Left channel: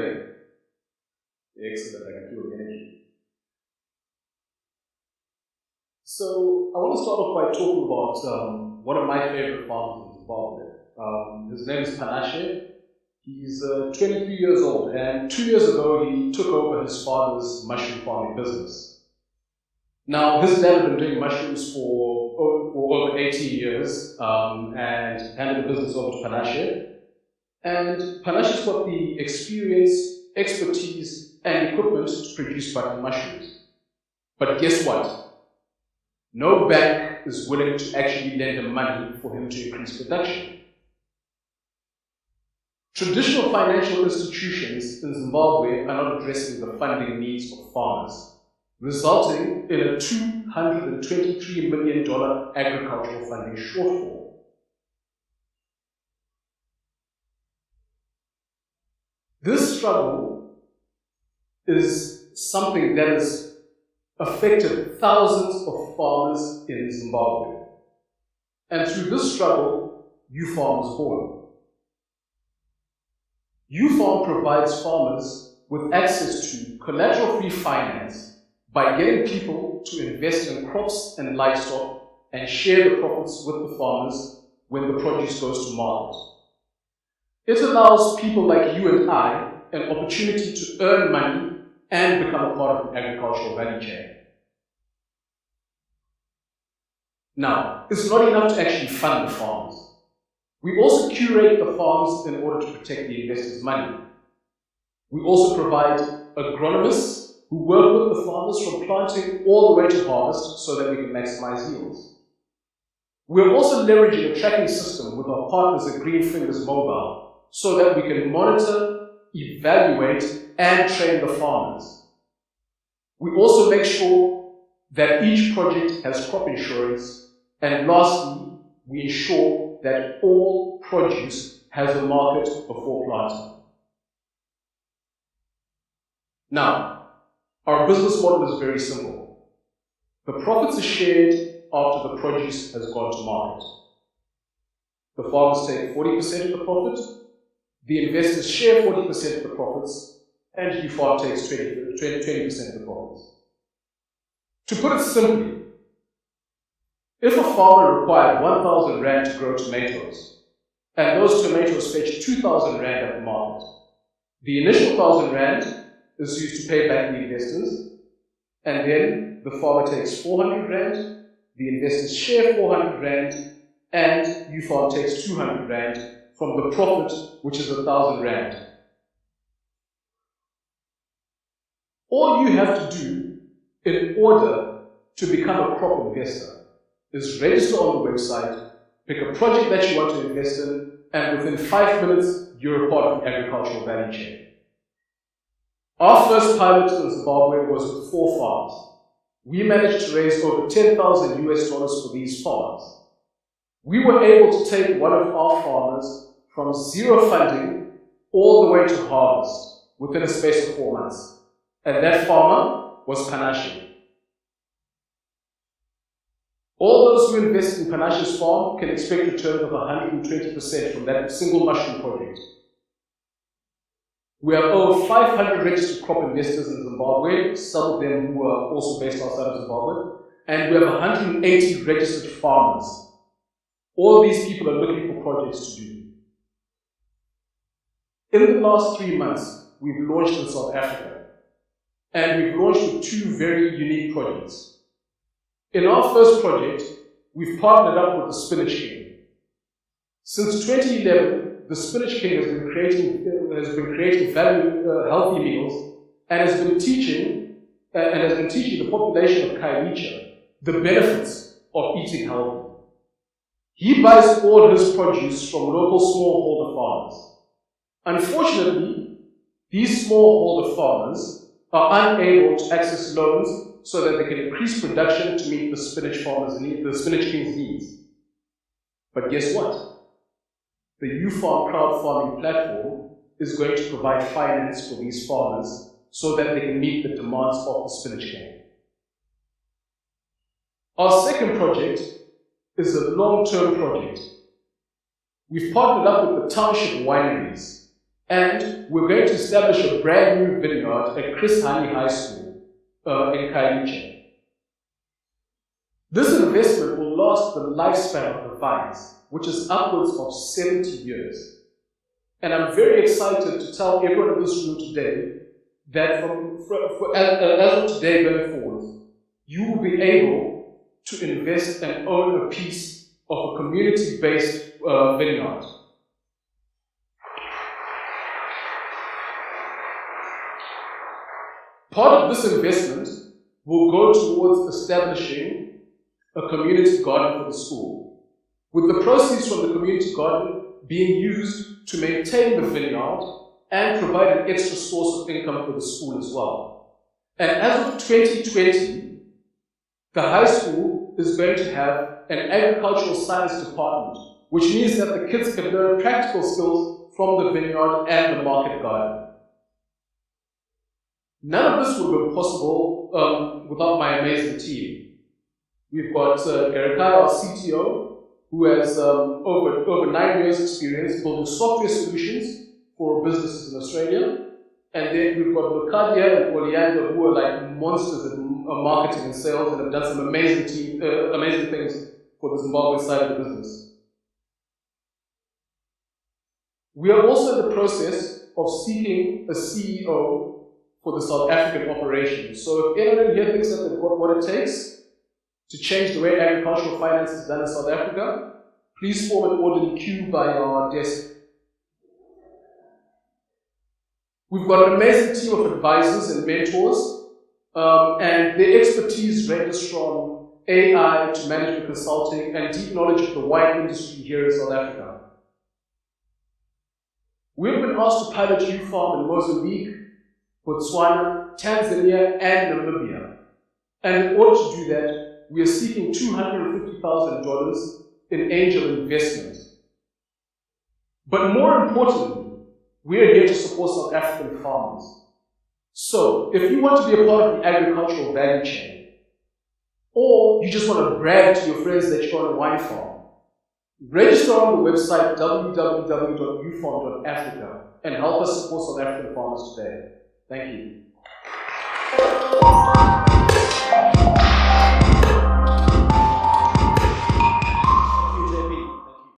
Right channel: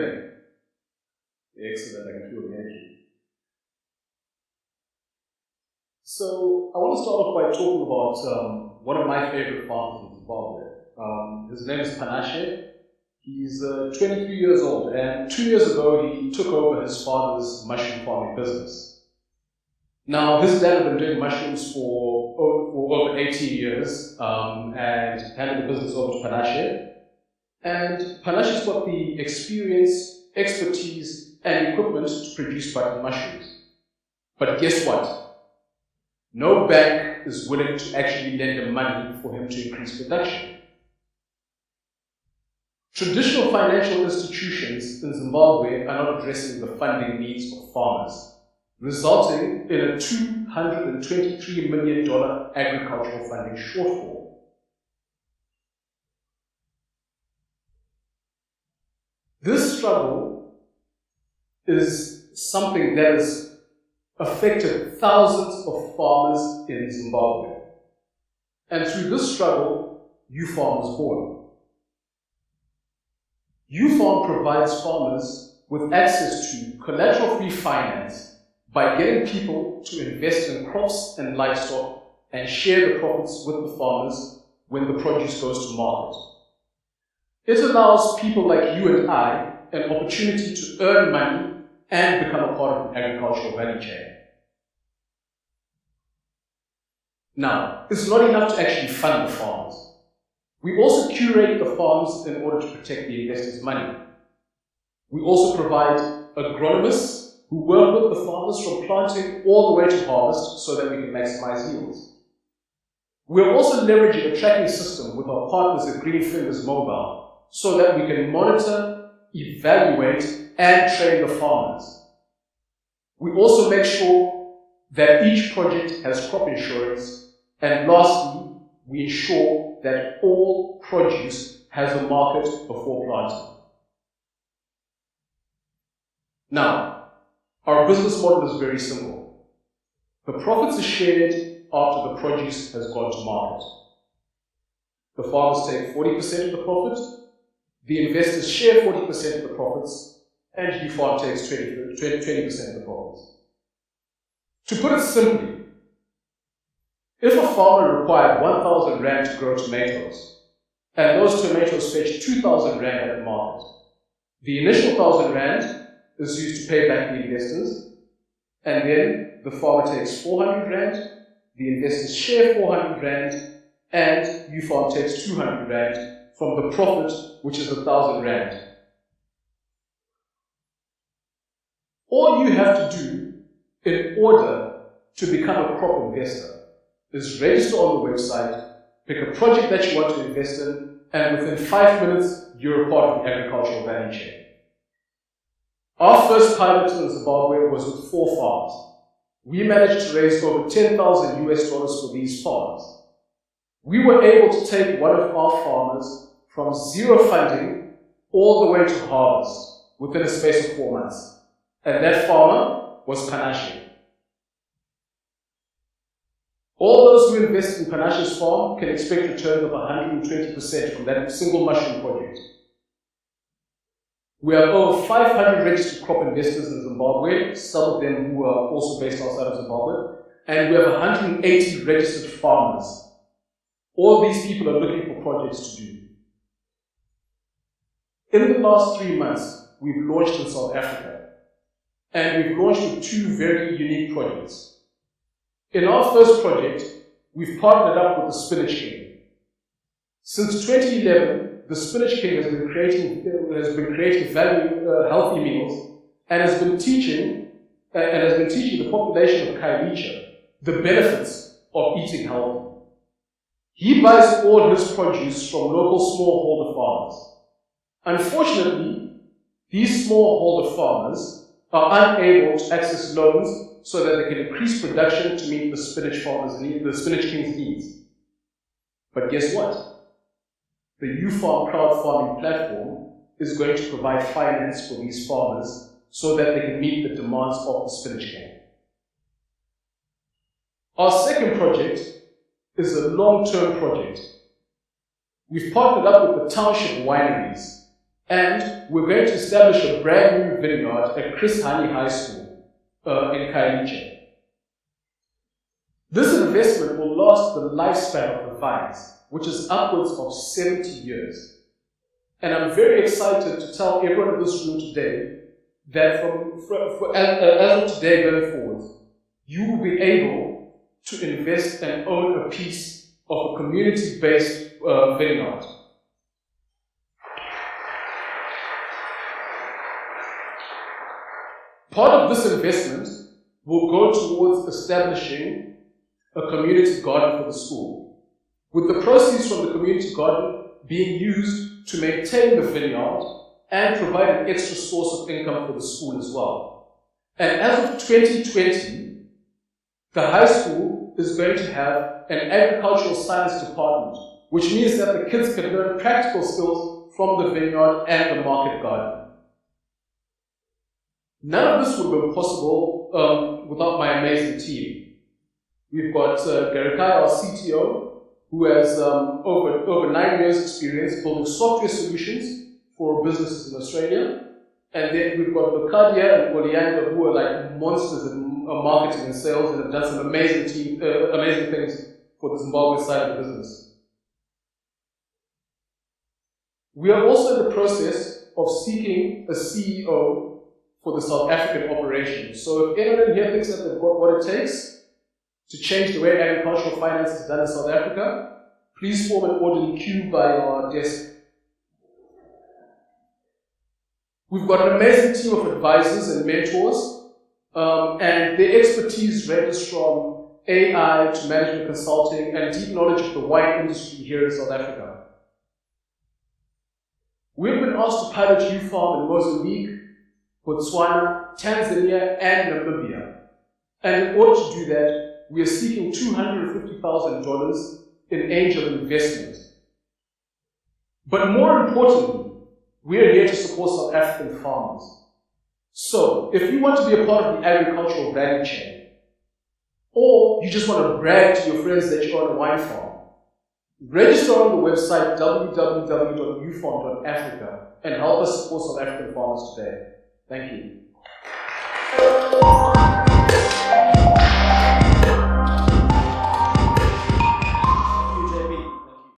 doing? Excellent, I can feel the energy. So, I want to start off by talking about one of my favorite farmers in Zimbabwe. His name is Spinach. He's 23 years old, and 2 years ago he took over his father's mushroom farming business. Now, his dad had been doing mushrooms for over 18 years and handed the business over to Spinach. And Spinach's got the experience, expertise, and equipment to produce button mushrooms. But guess what? No bank is willing to actually lend him money for him to increase production. Traditional financial institutions in Zimbabwe are not addressing the funding needs of farmers, resulting in a $223 million agricultural funding shortfall. This struggle is something that has affected thousands of farmers in Zimbabwe. And through this struggle, YouFarm was born. YouFarm provides farmers with access to collateral-free finance by getting people to invest in crops and livestock and share the profits with the farmers when the produce goes to market. It allows people like you and I an opportunity to earn money and become a part of the agricultural value chain. Now, it's not enough to actually fund the farmers. We also curate the farms in order to protect the investors' money. We also provide agronomists who work with the farmers from planting all the way to harvest so that we can maximize yields. We're also leveraging a tracking system with our partners at Green Fingers Mobile so that we can monitor, evaluate, and train the farmers. We also make sure that each project has crop insurance, and lastly, we ensure that all produce has a market before planting. Now, our business model is very simple. The profits are shared after the produce has gone to market. The farmers take 40% of the profit, the investors share 40% of the profits, and YouFarm takes 20% of the profits. To put it simply, if a farmer required 1,000 Rand to grow tomatoes, and those tomatoes fetch 2,000 Rand at the market, the initial 1,000 Rand is used to pay back the investors, and then the farmer takes 400 Rand, the investors share 400 Rand, and YouFarm takes 200 Rand from the profit, which is 1,000 Rand. All you have to do in order to become a crop investor is register on the website, pick a project that you want to invest in, and within 5 minutes, you're a part of the agricultural value chain. Our first pilot in Zimbabwe was with 4 farms. We managed to raise over $10,000 US for these farms. We were able to take one of our farmers from zero funding all the way to harvest within a space of 4 months. And that farmer was Spinach. All those who invest in Spinach's farm can expect returns of 120% from that single mushroom project. We have over 500 registered crop investors in Zimbabwe, some of them who are also based outside of Zimbabwe, and we have 180 registered farmers. All these people are looking for projects to do. In the last 3 months, we've launched in South Africa, and we've launched with 2 very unique projects. In our first project, we've partnered up with the Spinach King. Since 2011, the Spinach King has been creating healthy meals and has been teaching the population of Khayelitsha the benefits of eating healthy. He buys all his produce from local smallholder farmers. Unfortunately, these smallholder farmers are unable to access loans so that they can increase production to meet the Spinach King's needs. But guess what? The YouFarm crowdfunding platform is going to provide finance for these farmers so that they can meet the demands of the Spinach King. Our second project is a long-term project. We've partnered up with the Township Wineries, And we're going to establish a brand new vineyard at Chris Hani High School in Khayelitsha. This investment will last the lifespan of the vines, which is upwards of 70 years. And I'm very excited to tell everyone in this room today that as of today going forward, you will be able to invest and own a piece of a community-based vineyard. Part of this investment will go towards establishing a community garden for the school, with the proceeds from the community garden being used to maintain the vineyard and provide an extra source of income for the school as well. And as of 2020, the high school is going to have an agricultural science department, which means that the kids can learn practical skills from the vineyard and the market garden. None of this would have been possible without my amazing team. We've got Garikai, our CTO, who has over 9 years experience building software solutions for businesses in Australia. And then we've got Lokadia and Oleander, who are like monsters at marketing and sales and have done some amazing things for the Zimbabwe side of the business. We are also in the process of seeking a CEO for the South African operation. So if anyone in here thinks that they've got what it takes to change the way agricultural finance is done in South Africa, please form an orderly queue by our desk. We've got an amazing team of advisors and mentors, and their expertise ranges from AI to management consulting and deep knowledge of the wine industry here in South Africa. We've been asked to pilot YouFarm in Mozambique, Botswana, Tanzania, and Namibia. And in order to do that, we are seeking $250,000 in angel investment. But more importantly, we are here to support South African farmers. So, if you want to be a part of the agricultural value chain, or you just want to brag to your friends that you own a wine farm, register on the website www.youfarm.africa and help us support South African farmers today. Thank you.